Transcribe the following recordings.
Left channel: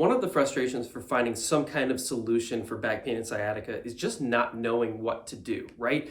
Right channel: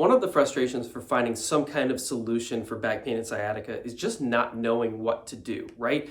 One of the frustrations for finding some kind of solution for back pain and sciatica is just not knowing what to do, right?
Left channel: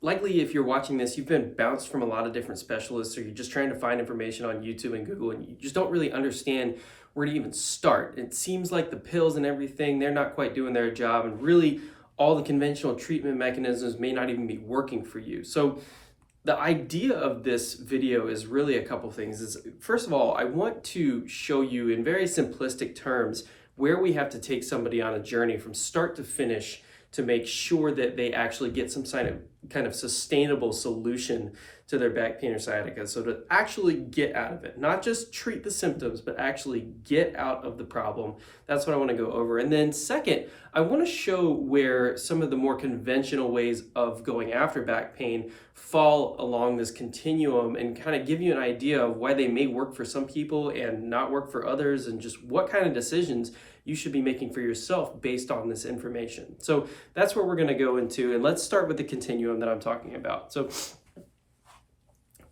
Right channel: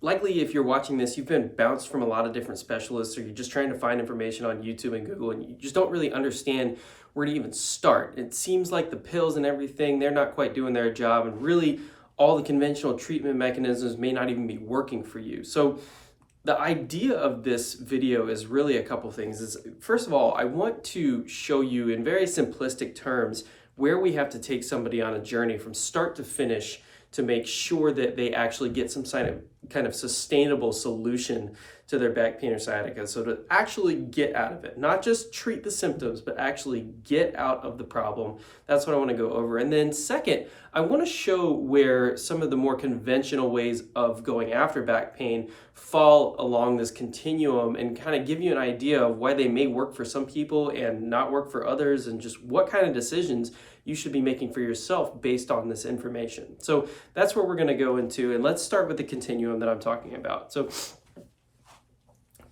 Likely, if you're watching this, you've been bounced from a lot of different specialists, or you're just trying to find information on YouTube and Google, and you just don't really understand where to even start. It seems like the pills and everything, they're not quite doing their job, and really all the conventional treatment mechanisms may not even be working for you. So the idea of this video is really a couple things. First of all, I want to show you in very simplistic terms where we have to take somebody on a journey from start to finish to make sure that they actually get some kind of sustainable solution to their back pain or sciatica. So to actually get out of it, not just treat the symptoms, but actually get out of the problem. That's what I want to go over. And then second, I want to show where some of the more conventional ways of going after back pain fall along this continuum and kind of give you an idea of why they may work for some people and not work for others, and just what kind of decisions you should be making for yourself based on this information. So that's where we're going to go into, and let's start with the continuum that I'm talking about. So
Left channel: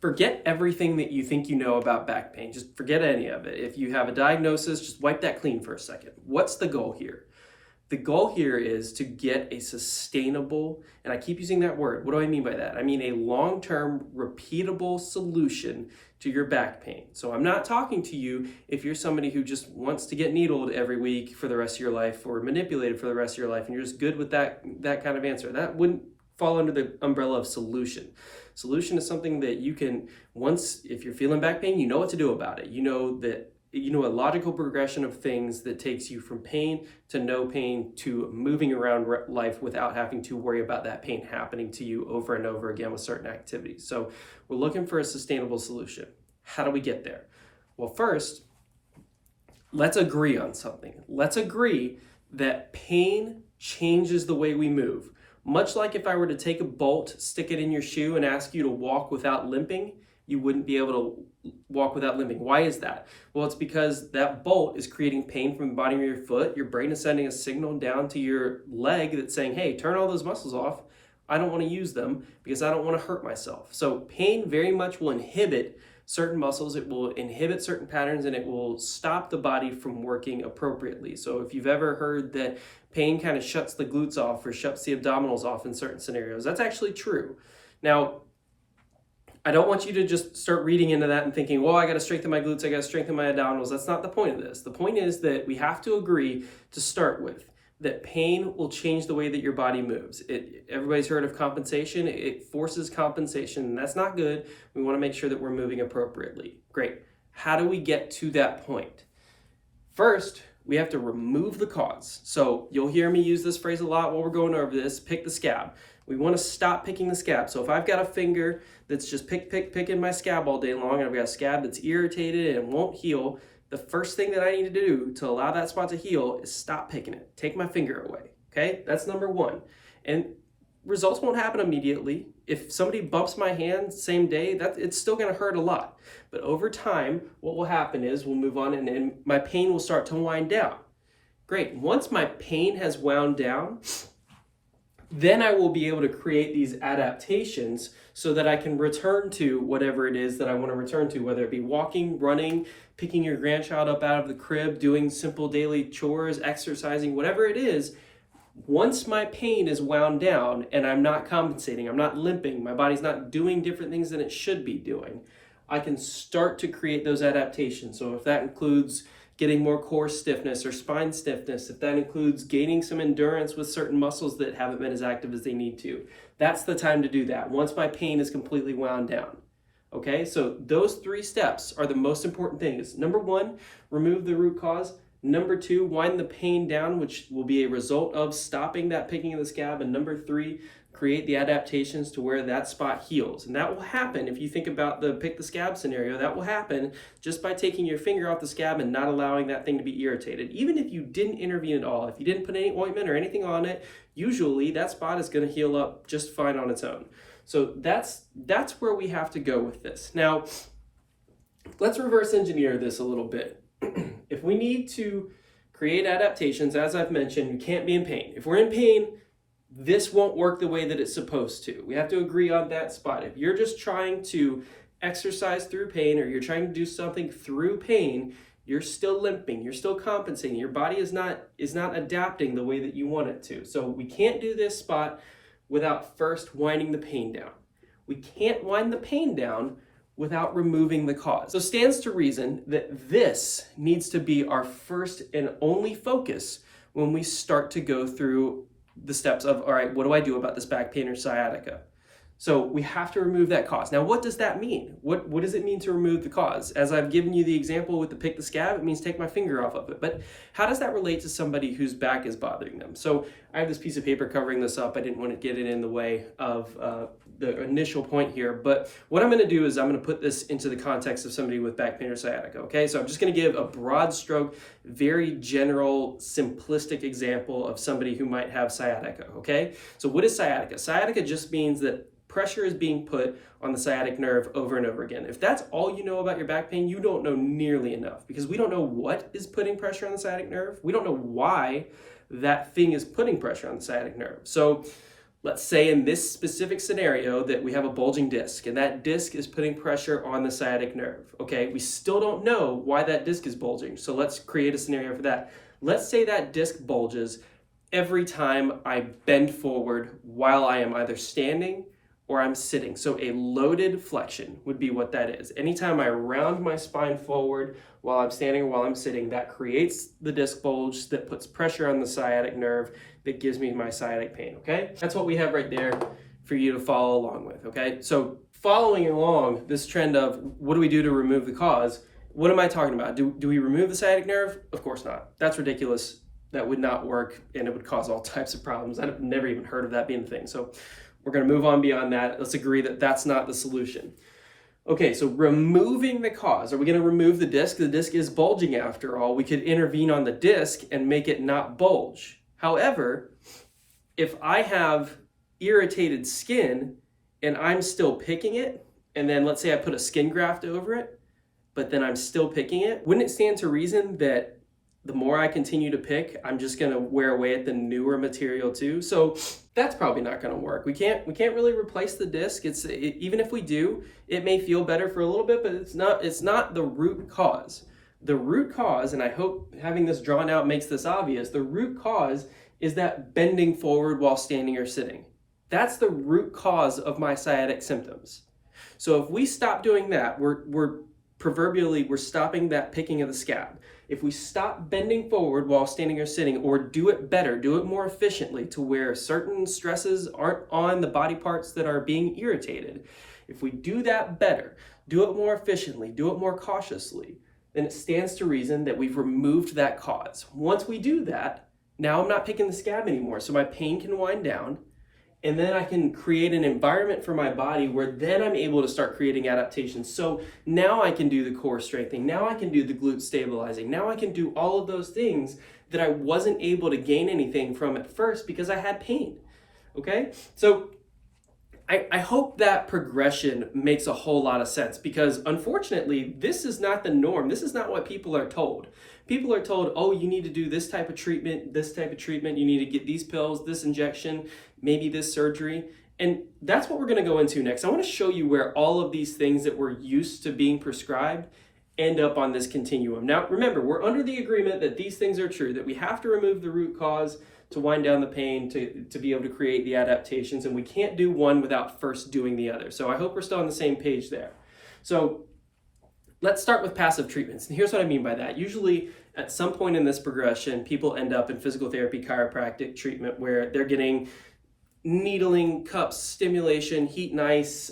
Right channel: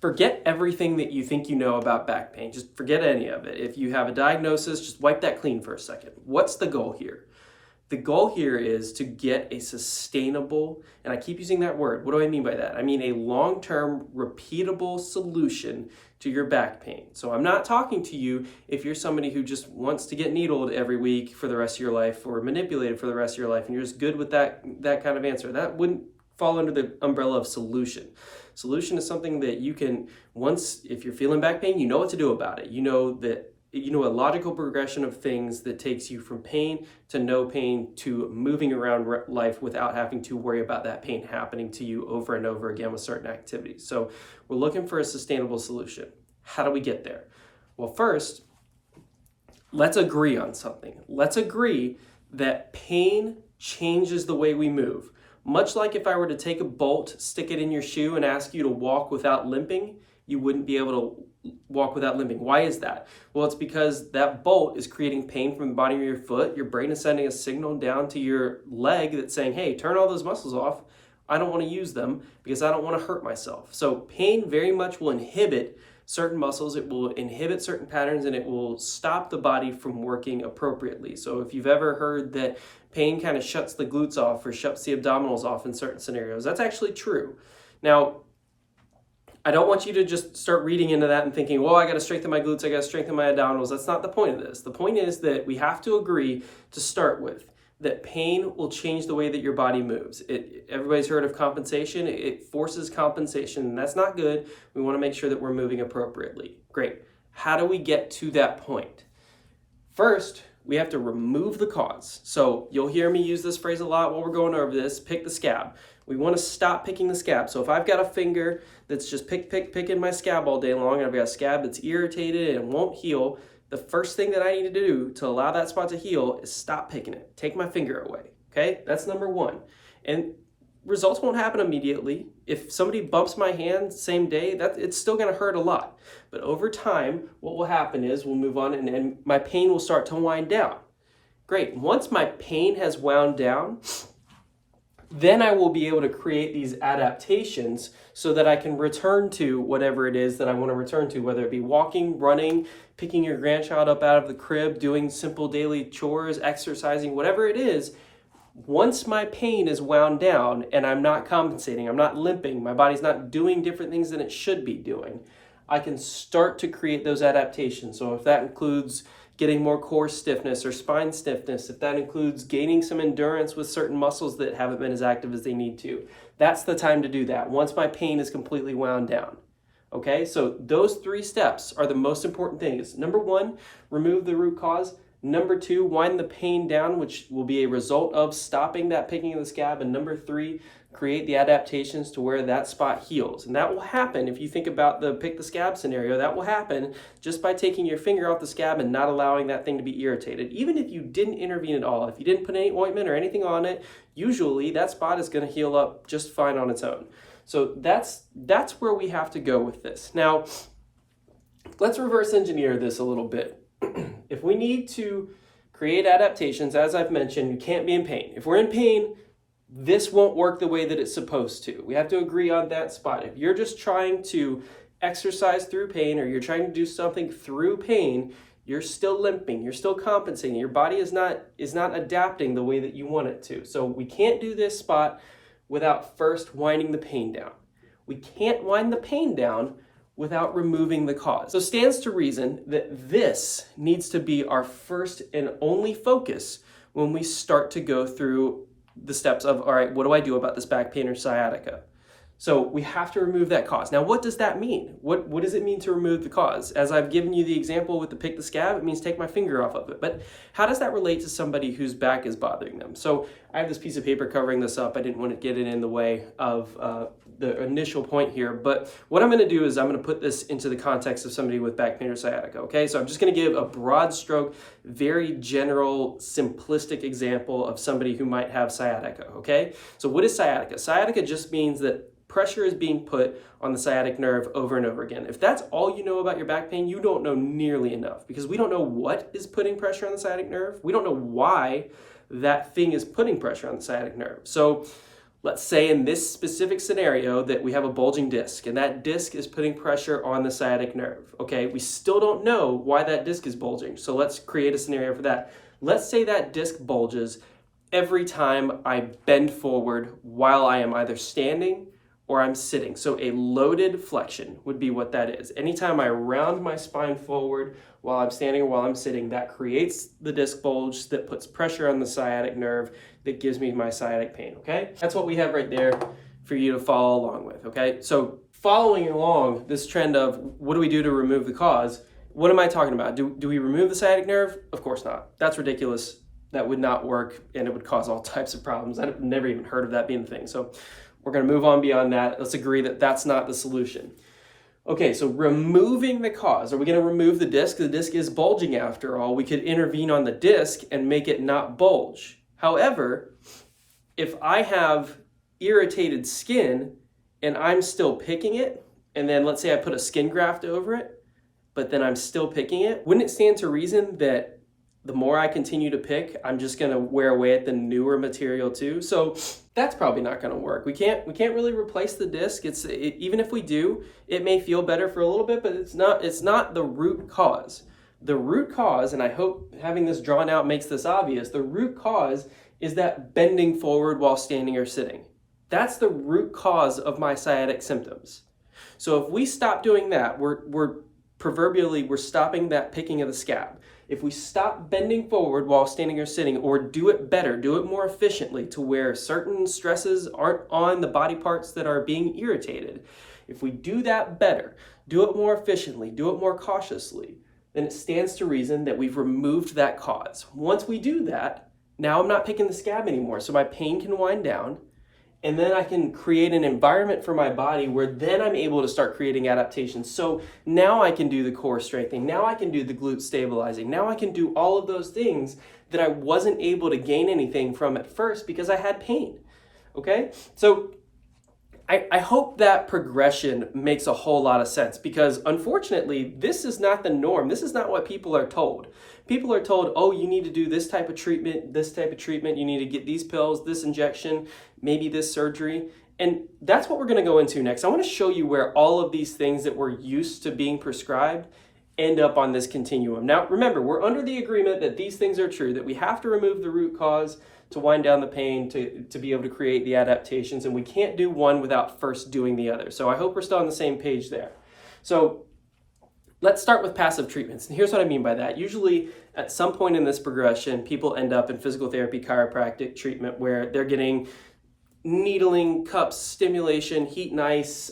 forget everything that you think you know about back pain. Just forget any of it. If you have a diagnosis, just wipe that clean for a second. What's the goal here? The goal here is to get a sustainable, and I keep using that word. What do I mean by that? I mean a long-term, repeatable solution to your back pain. So I'm not talking to you if you're somebody who just wants to get needled every week for the rest of your life, or manipulated for the rest of your life, and you're just good with that kind of answer. That wouldn't fall under the umbrella of solution. Solution is something that you can, once, if you're feeling back pain, you know what to do about it. You know a logical progression of things that takes you from pain to no pain to moving around life without having to worry about that pain happening to you over and over again with certain activities. So we're looking for a sustainable solution. How do we get there? Well, first, let's agree on something. Let's agree that pain changes the way we move. Much like if I were to take a bolt, stick it in your shoe, and ask you to walk without limping, you wouldn't be able to walk without limping. Why is that? Well, it's because that bolt is creating pain from the bottom of your foot. Your brain is sending a signal down to your leg that's saying, hey, turn all those muscles off. I don't want to use them because I don't want to hurt myself. So pain very much will inhibit certain muscles. It will inhibit certain patterns, and it will stop the body from working appropriately. So if you've ever heard that pain kind of shuts the glutes off or shuts the abdominals off in certain scenarios, that's actually true. Now, I don't want you to just start reading into that and thinking, well, I got to strengthen my glutes, I got to strengthen my abdominals. That's not the point of this. The point is that we have to agree to start with that pain will change the way that your body moves. Everybody's heard of compensation. It forces compensation, and that's not good. We want to make sure that we're moving appropriately. Great. How do we get to that point? First, we have to remove the cause. So you'll hear me use this phrase a lot while we're going over this: pick the scab. We want to stop picking the scab. So if I've got a finger that's just picking my scab all day long, and I've got a scab that's irritated and won't heal, the first thing that I need to do to allow that spot to heal is stop picking it. Take my finger away, okay? That's number one. And results won't happen immediately. If somebody bumps my hand same day, it's still gonna hurt a lot. But over time, what will happen is we'll move on, and my pain will start to wind down. Great. Once my pain has wound down, then I will be able to create these adaptations so that I can return to whatever it is that I want to return to, whether it be walking, running, picking your grandchild up out of the crib, doing simple daily chores, exercising, whatever it is. Once my pain is wound down and I'm not compensating, I'm not limping, my body's not doing different things than it should be doing, I can start to create those adaptations. So if that includes getting more core stiffness or spine stiffness, if that includes gaining some endurance with certain muscles that haven't been as active as they need to, that's the time to do that once my pain is completely wound down. Okay, so those three steps are the most important things. Number one, remove the root cause. Number two, wind the pain down, which will be a result of stopping that picking of the scab. And number three, create the adaptations to where that spot heals. And that will happen, if you think about the pick the scab scenario, that will happen just by taking your finger off the scab and not allowing that thing to be irritated. Even if you didn't intervene at all, if you didn't put any ointment or anything on it, usually that spot is going to heal up just fine on its own. So that's where we have to go with this. Now, let's reverse engineer this a little bit. If we need to create adaptations, as I've mentioned, we can't be in pain. If we're in pain, this won't work the way that it's supposed to. We have to agree on that spot. If you're just trying to exercise through pain, or you're trying to do something through pain, You're still limping, you're still compensating. Your body is not adapting the way that you want it to. So we can't do this spot without first winding the pain down. We can't wind the pain down without removing the cause. So stands to reason that this needs to be our first and only focus when we start to go through the steps of, all right, what do I do about this back pain or sciatica? So we have to remove that cause. Now, what does that mean? What does it mean to remove the cause? As I've given you the example with the pick the scab, it means take my finger off of it. But how does that relate to somebody whose back is bothering them? So I have this piece of paper covering this up. I didn't want to get it in the way of the initial point here. But what I'm going to do is I'm going to put this into the context of somebody with back pain or sciatica, okay? So I'm just going to give a broad stroke, very general, simplistic example of somebody who might have sciatica, okay? So what is sciatica? Sciatica just means that pressure is being put on the sciatic nerve over and over again. If that's all you know about your back pain, you don't know nearly enough, because we don't know what is putting pressure on the sciatic nerve. We don't know why that thing is putting pressure on the sciatic nerve. So let's say in this specific scenario that we have a bulging disc, and that disc is putting pressure on the sciatic nerve. Okay, we still don't know why that disc is bulging. So let's create a scenario for that. Let's say that disc bulges every time I bend forward while I am either standing or I'm sitting. So a loaded flexion would be what that is. Anytime I round my spine forward while I'm standing or while I'm sitting, that creates the disc bulge that puts pressure on the sciatic nerve that gives me my sciatic pain, okay? That's what we have right there for you to follow along with, okay? So following along this trend of what do we do to remove the cause, what am I talking about? Do we remove the sciatic nerve? Of course not. That's ridiculous. That would not work, and it would cause all types of problems. I've never even heard of that being a thing. So we're going to move on beyond that. Let's agree that that's not the solution. Okay, so removing the cause. Are we going to remove the disc? The disc is bulging after all. We could intervene on the disc and make it not bulge. However, if I have irritated skin and I'm still picking it, and then let's say I put a skin graft over it, but then I'm still picking it, wouldn't it stand to reason that the more I continue to pick, I'm just going to wear away at the newer material too? So that's probably not going to work. We can't really replace the disc. Even if we do, it may feel better for a little bit, but it's not the root cause. The root cause, and I hope having this drawn out makes this obvious, the root cause is that bending forward while standing or sitting. That's the root cause of my sciatic symptoms. So if we stop doing that, we're stopping that picking of the scab. If we stop bending forward while standing or sitting, or do it better, do it more efficiently to where certain stresses aren't on the body parts that are being irritated, if we do that better, do it more efficiently, do it more cautiously, then it stands to reason that we've removed that cause. Once we do that, now I'm not picking the scab anymore, so my pain can wind down, and then I can create an environment for my body where then I'm able to start creating adaptations. So now I can do the core strengthening. Now I can do the glute stabilizing. Now I can do all of those things that I wasn't able to gain anything from at first because I had pain. Okay? So I hope that progression makes a whole lot of sense, because unfortunately, this is not the norm. This is not what people are told. People are told, oh, you need to do this type of treatment, you need to get these pills, this injection, maybe this surgery. And that's what we're going to go into next. I want to show you where all of these things that we're used to being prescribed end up on this continuum. Now, remember, we're under the agreement that these things are true, that we have to remove the root cause to wind down the pain, to be able to create the adaptations, and we can't do one without first doing the other. So I hope we're still on the same page there. So let's start with passive treatments. And here's what I mean by that. Usually at some point in this progression, people end up in physical therapy, chiropractic treatment, where they're getting needling, cups, stimulation, heat and ice,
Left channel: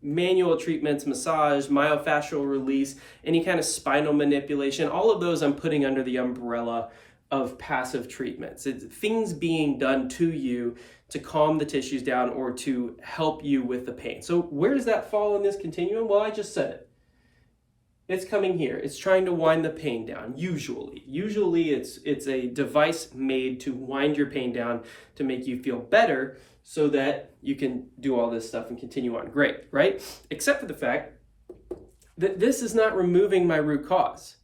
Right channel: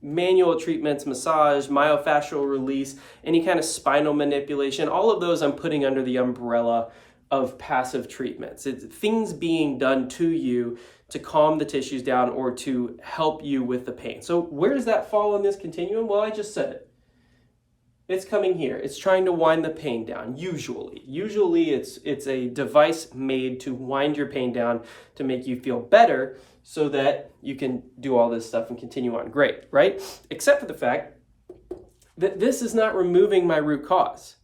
manual treatments, massage, myofascial release, any kind of spinal manipulation. All of those I'm putting under the umbrella of passive treatments. It's things being done to you to calm the tissues down or to help you with the pain. So where does that fall on this continuum? Well, I just said it. It's coming here. It's trying to wind the pain down, usually. Usually it's a device made to wind your pain down to make you feel better so that you can do all this stuff and continue on. Great, right? Except for the fact that this is not removing my root cause.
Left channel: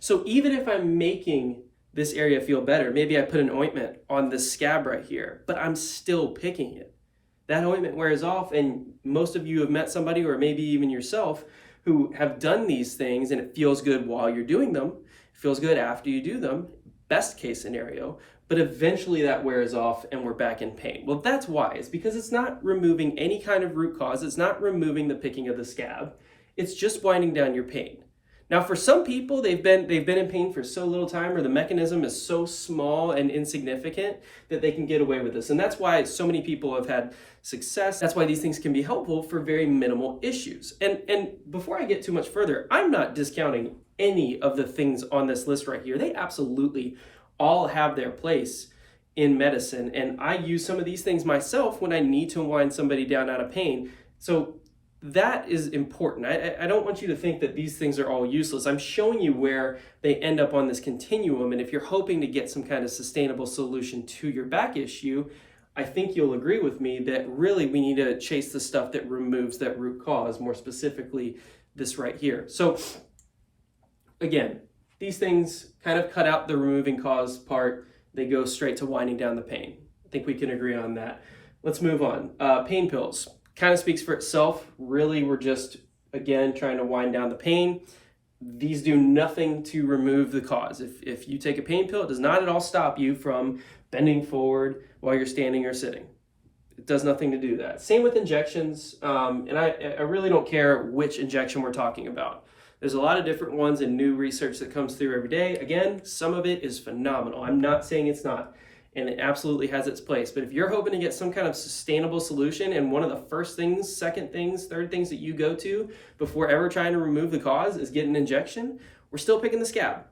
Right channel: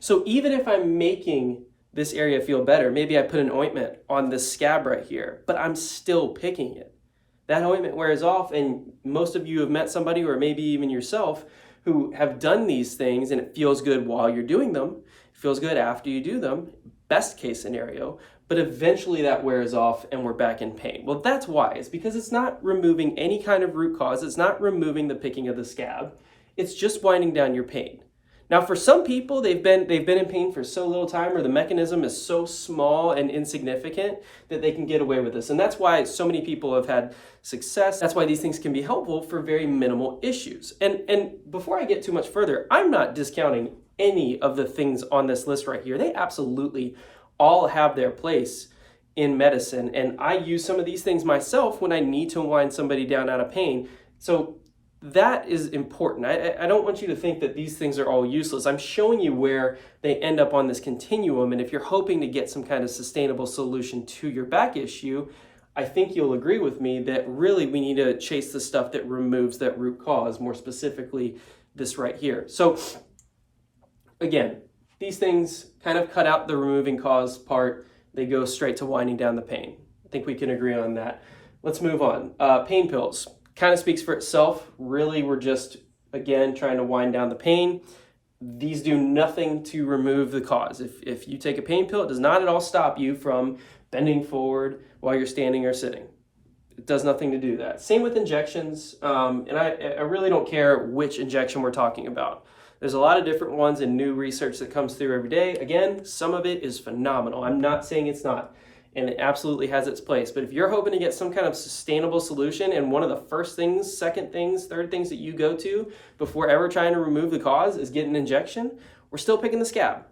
So even if I'm making this area feel better, maybe I put an ointment on this scab right here, but I'm still picking it. That ointment wears off, and most of you have met somebody, or maybe even yourself, who have done these things and it feels good while you're doing them, it feels good after you do them, best case scenario, but eventually that wears off and we're back in pain. Well, that's why. It's because it's not removing any kind of root cause. It's not removing the picking of the scab. It's just winding down your pain. Now, for some people, they've been in pain for so little time, or the mechanism is so small and insignificant that they can get away with this. And that's why so many people have had success. That's why these things can be helpful for very minimal issues. And before I get too much further, I'm not discounting any of the things on this list right here. They absolutely all have their place in medicine. And I use some of these things myself when I need to wind somebody down out of pain. So that is important. I don't want you to think that these things are all useless. I'm showing you where they end up on this continuum. And if you're hoping to get some kind of sustainable solution to your back issue, I think you'll agree with me that really we need to chase the stuff that removes that root cause, more specifically this right here. So again, these things kind of cut out the removing cause part. They go straight to winding down the pain. I think we can agree on that. Let's move on. Pain pills. Kind of speaks for itself. Really, we're just, again, trying to wind down the pain. These do nothing to remove the cause. If you take a pain pill, it does not at all stop you from bending forward while you're standing or sitting. It does nothing to do that. Same with injections. And I really don't care which injection we're talking about. There's a lot of different ones and new research that comes through every day. Again, some of it is phenomenal. I'm not saying it's not. And it absolutely has its place. But if you're hoping to get some kind of sustainable solution, and one of the first things, second things, third things that you go to before ever trying to remove the cause is get an injection, we're still picking the scab.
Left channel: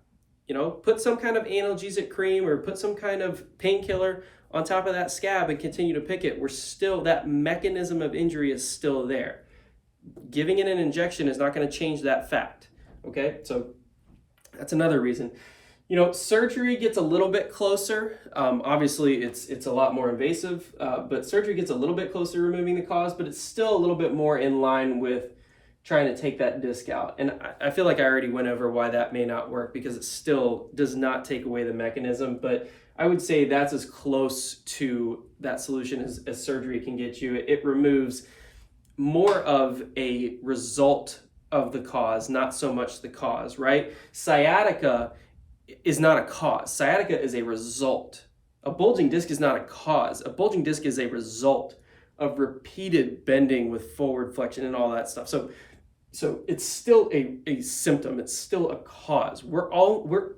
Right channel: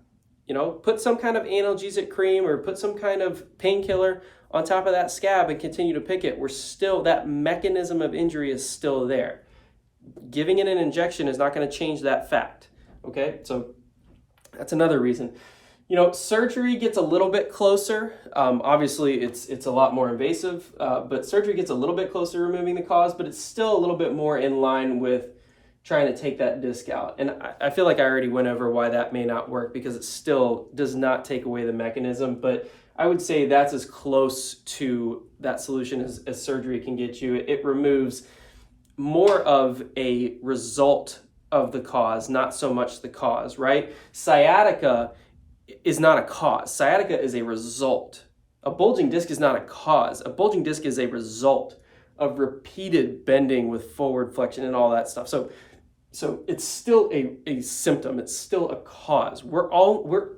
You know, put some kind of analgesic cream or put some kind of painkiller on top of that scab and continue to pick it. We're still, that mechanism of injury is still there. Giving it an injection is not going to change that fact. Okay, so that's another reason. You know, surgery gets a little bit closer. Obviously, it's a lot more invasive, but surgery gets a little bit closer to removing the cause, but it's still a little bit more in line with trying to take that disc out. And I feel like I already went over why that may not work, because it still does not take away the mechanism, but I would say that's as close to that solution as surgery can get you. It removes more of a result of the cause, not so much the cause, right? Sciatica is not a cause. Sciatica is a result. A bulging disc is not a cause. A bulging disc is a result of repeated bending with forward flexion and all that stuff. So it's still a symptom. It's still a cause. We're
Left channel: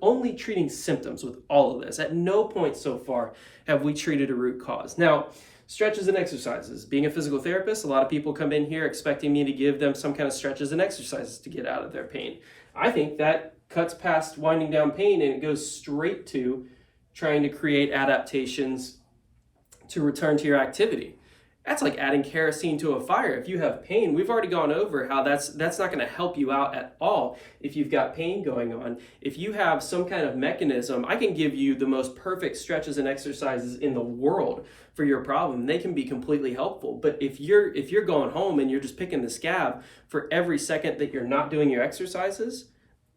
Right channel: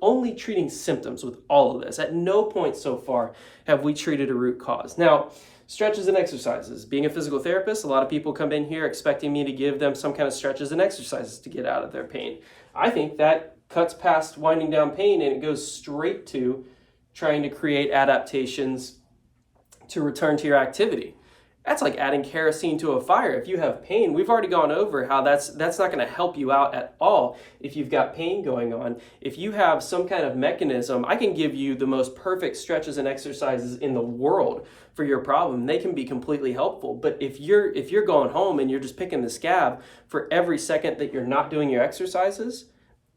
only treating symptoms with all of this. At no point so far have we treated a root cause. Now, stretches and exercises. Being a physical therapist, a lot of people come in here expecting me to give them some kind of stretches and exercises to get out of their pain. I think that cuts past winding down pain and it goes straight to trying to create adaptations to return to your activity. That's like adding kerosene to a fire. If you have pain, we've already gone over how that's not going to help you out at all if you've got pain going on. If you have some kind of mechanism, I can give you the most perfect stretches and exercises in the world for your problem. They can be completely helpful. But if you're going home and you're just picking the scab for every second that you're not doing your exercises,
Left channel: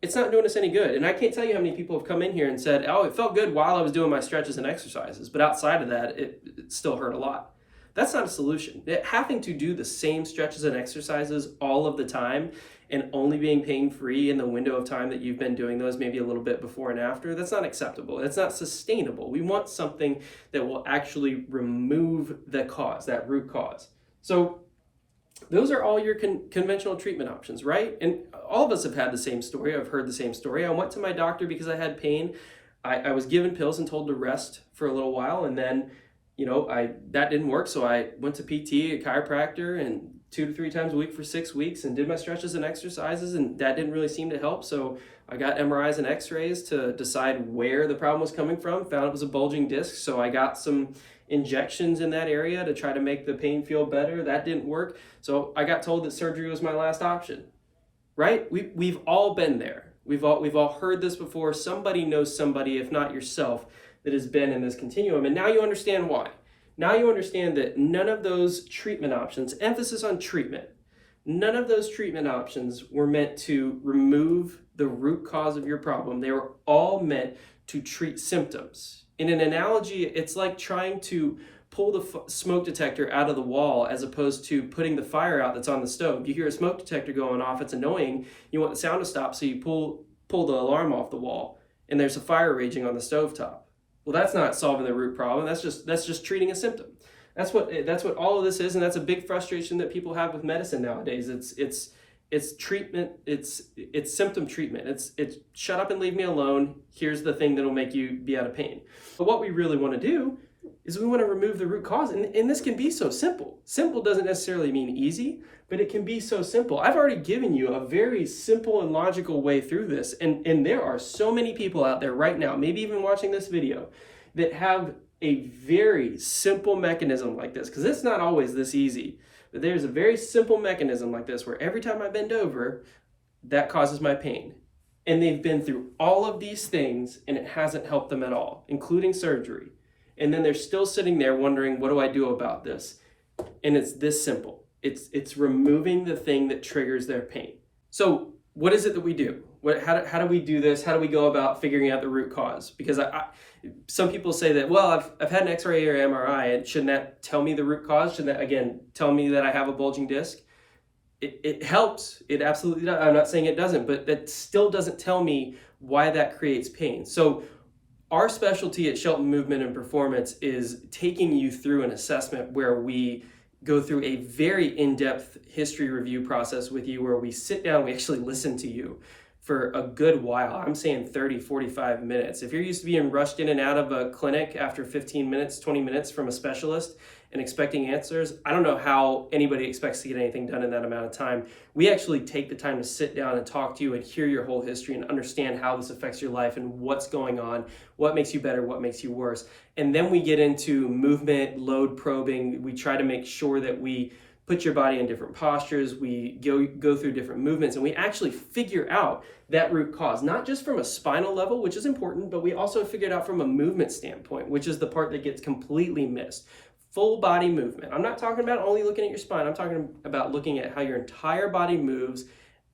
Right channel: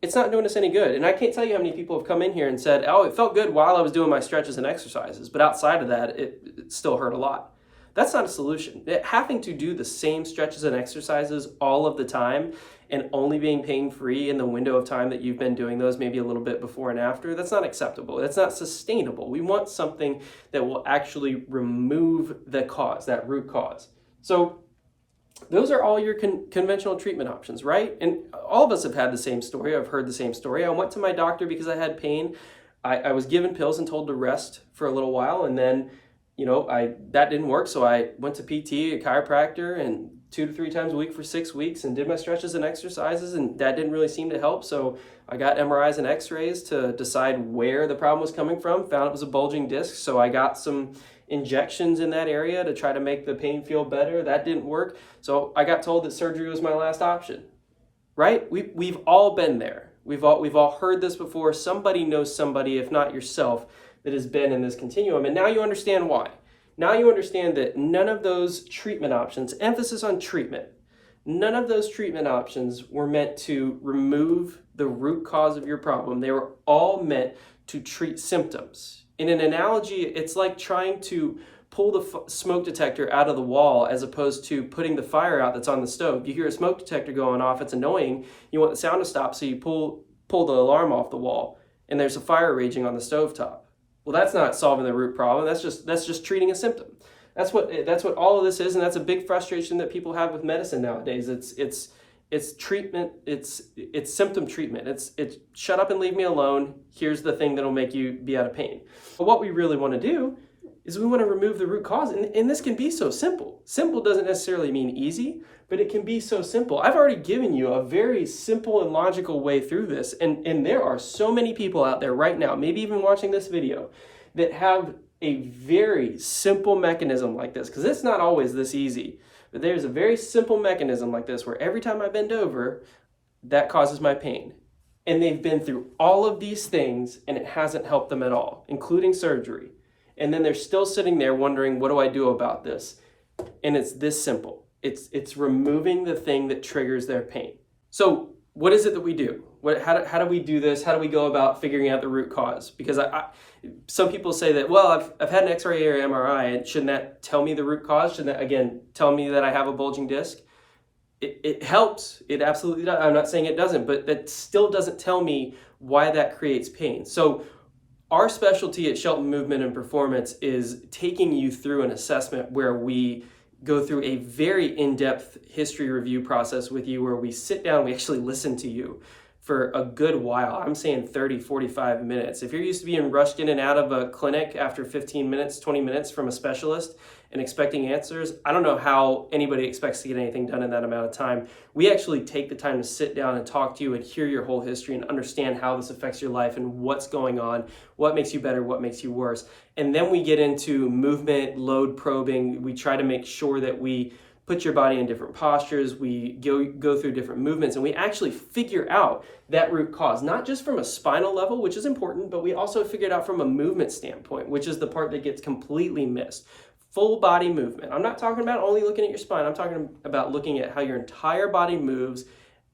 it's not doing us any good. And I can't tell you how many people have come in here and said, oh, it felt good while I was doing my stretches and exercises, but outside of that, it still hurt a lot. That's not a solution. Having to do the same stretches and exercises all of the time and only being pain-free in the window of time that you've been doing those, maybe a little bit before and after, that's not acceptable. That's not sustainable. We want something that will actually remove the cause, that root cause. So those are all your conventional treatment options, right? And all of us have had the same story. I've heard the same story. I went to my doctor because I had pain. I was given pills and told to rest for a little while, and then that didn't work, so I went to PT, a chiropractor, and 2 to 3 times a week for 6 weeks and did my stretches and exercises, and that didn't really seem to help. So I got MRIs and x-rays to decide where the problem was coming from, found it was a bulging disc, so I got some injections in that area to try to make the pain feel better. That didn't work, so I got told that surgery was my last option, right? We've all been there. We've all heard this before. Somebody knows somebody, if not yourself, that has been in this continuum, and now you understand why. Now you understand that none of those treatment options, emphasis on treatment, none of those treatment options were meant to remove the root cause of your problem. They were all meant to treat symptoms. In an analogy, it's like trying to pull the smoke detector out of the wall as opposed to putting the fire out that's on the stove. You hear a smoke detector going off, it's annoying. You want the sound to stop, so you pull the alarm off the wall, and there's a fire raging on the stovetop. Well, that's not solving the root problem. That's just treating a symptom. That's what all of this is, and that's a big frustration that people have with medicine nowadays. It's treatment. It's symptom treatment. It's shut up and leave me alone. Here's the thing that'll make you be out of pain. But what we really want to do is we want to remove the root cause, and this can be so simple. Simple doesn't necessarily mean easy, but it can be so simple. I've already given you a very simple and logical way through this, and there are so many people out there right now, maybe even watching this video, that have a very simple mechanism like this, because it's not always this easy, but there's a very simple mechanism like this where every time I bend over, that causes my pain. And they've been through all of these things and it hasn't helped them at all, including surgery. And then they're still sitting there wondering, what do I do about this? And it's this simple. It's removing the thing that triggers their pain. So what is it that we do? How do we do this? How do we go about figuring out the root cause? Because some people say that, well, I've had an X-ray or MRI, and shouldn't that tell me the root cause? Shouldn't that, again, tell me that I have a bulging disc? It helps. It absolutely does. I'm not saying it doesn't, but that still doesn't tell me why that creates pain. So our specialty at Shelton Movement and Performance is taking you through an assessment where we go through a very in-depth history review process with you, where we sit down, we actually listen to you for a good while. I'm saying 30, 45 minutes. If you're used to being rushed in and out of a clinic after 15 minutes, 20 minutes from a specialist and expecting answers, I don't know how anybody expects to get anything done in that amount of time. We actually take the time to sit down and talk to you and hear your whole history and understand how this affects your life and what's going on, what makes you better, what makes you worse. And then we get into movement, load probing. We try to make sure that we put your body in different postures. We go through different movements, and we actually figure out that root cause, not just from a spinal level, which is important, but we also figure it out from a movement standpoint, which is the part that gets completely missed. Full body movement. I'm not talking about only looking at your spine. I'm talking about looking at how your entire body moves,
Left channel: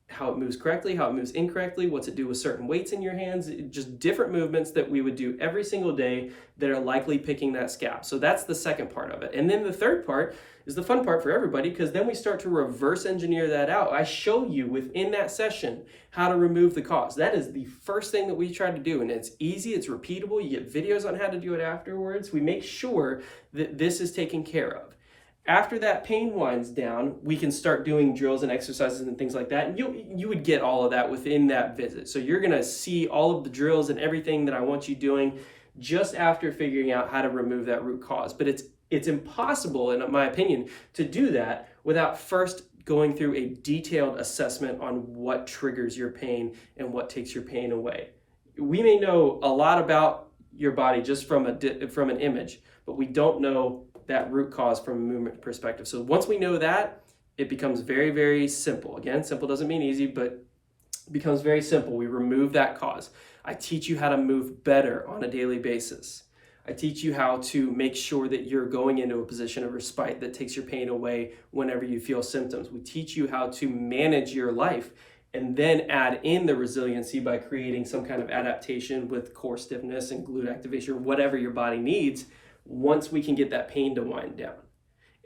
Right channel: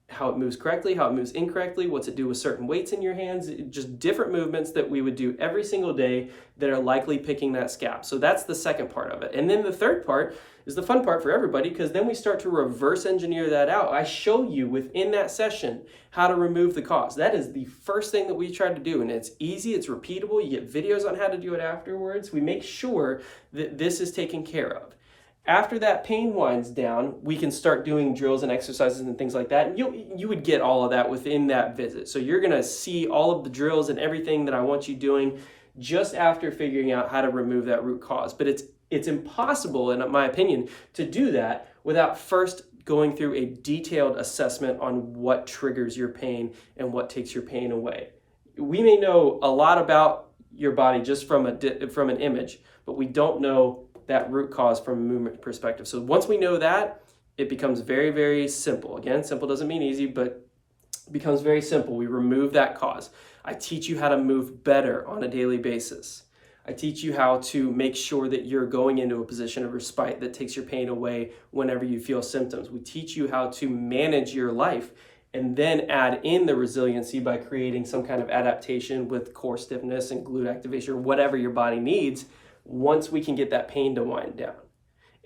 how it moves correctly, how it moves incorrectly, what's it do with certain weights in your hands, just different movements that we would do every single day that are likely picking that scab. So that's the second part of it. And then the third part is the fun part for everybody, because then we start to reverse engineer that out. I show you within that session how to remove the cause. That is the first thing that we try to do, and it's easy, it's repeatable. You get videos on how to do it afterwards. We make sure that this is taken care of. After that pain winds down, we can start doing drills and exercises and things like that. And you would get all of that within that visit. So you're gonna see all of the drills and everything that I want you doing just after figuring out how to remove that root cause. But it's impossible, in my opinion, to do that without first going through a detailed assessment on what triggers your pain and what takes your pain away. We may know a lot about your body just from an image, but we don't know that root cause from a movement perspective. So once we know that, it becomes very, very simple. Again, simple doesn't mean easy, but it becomes very simple. We remove that cause. I teach you how to move better on a daily basis. I teach you how to make sure that you're going into a position of respite that takes your pain away whenever you feel symptoms. We teach you how to manage your life and then add in the resiliency by creating some kind of adaptation with core stiffness and glute activation, whatever your body needs, once we can get that pain to wind down.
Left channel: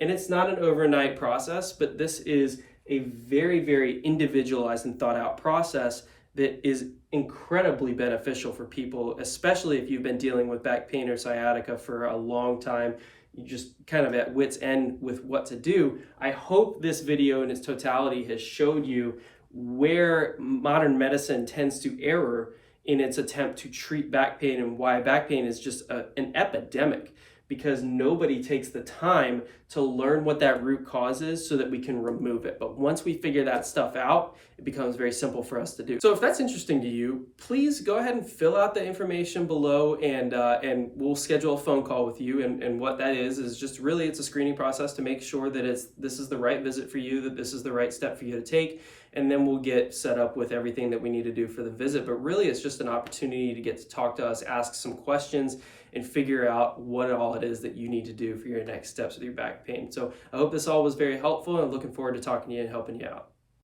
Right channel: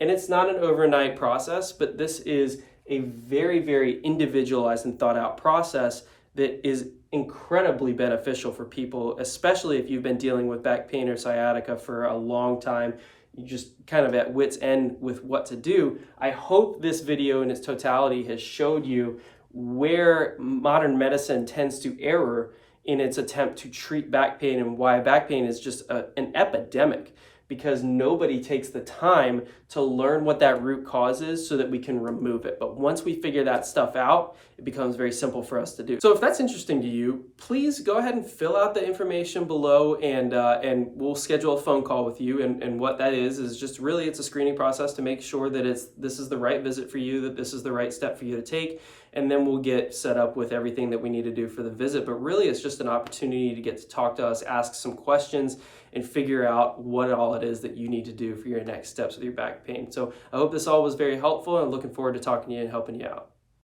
And it's not an overnight process, but this is a very, very individualized and thought out process that is incredibly beneficial for people, especially if you've been dealing with back pain or sciatica for a long time. You're just kind of at wit's end with what to do. I hope this video in its totality has showed you where modern medicine tends to err in its attempt to treat back pain, and why back pain is just an epidemic, because nobody takes the time to learn what that root cause is so that we can remove it. But once we figure that stuff out, it becomes very simple for us to do. So if that's interesting to you, please go ahead and fill out the information below, and we'll schedule a phone call with you. And what that is just really, it's a screening process to make sure that this is the right visit for you, that this is the right step for you to take. And then we'll get set up with everything that we need to do for the visit. But really, it's just an opportunity to get to talk to us, ask some questions, and figure out what all it is that you need to do for your next steps with your back pain. So I hope this all was very helpful, and I'm looking forward to talking to you and helping you out.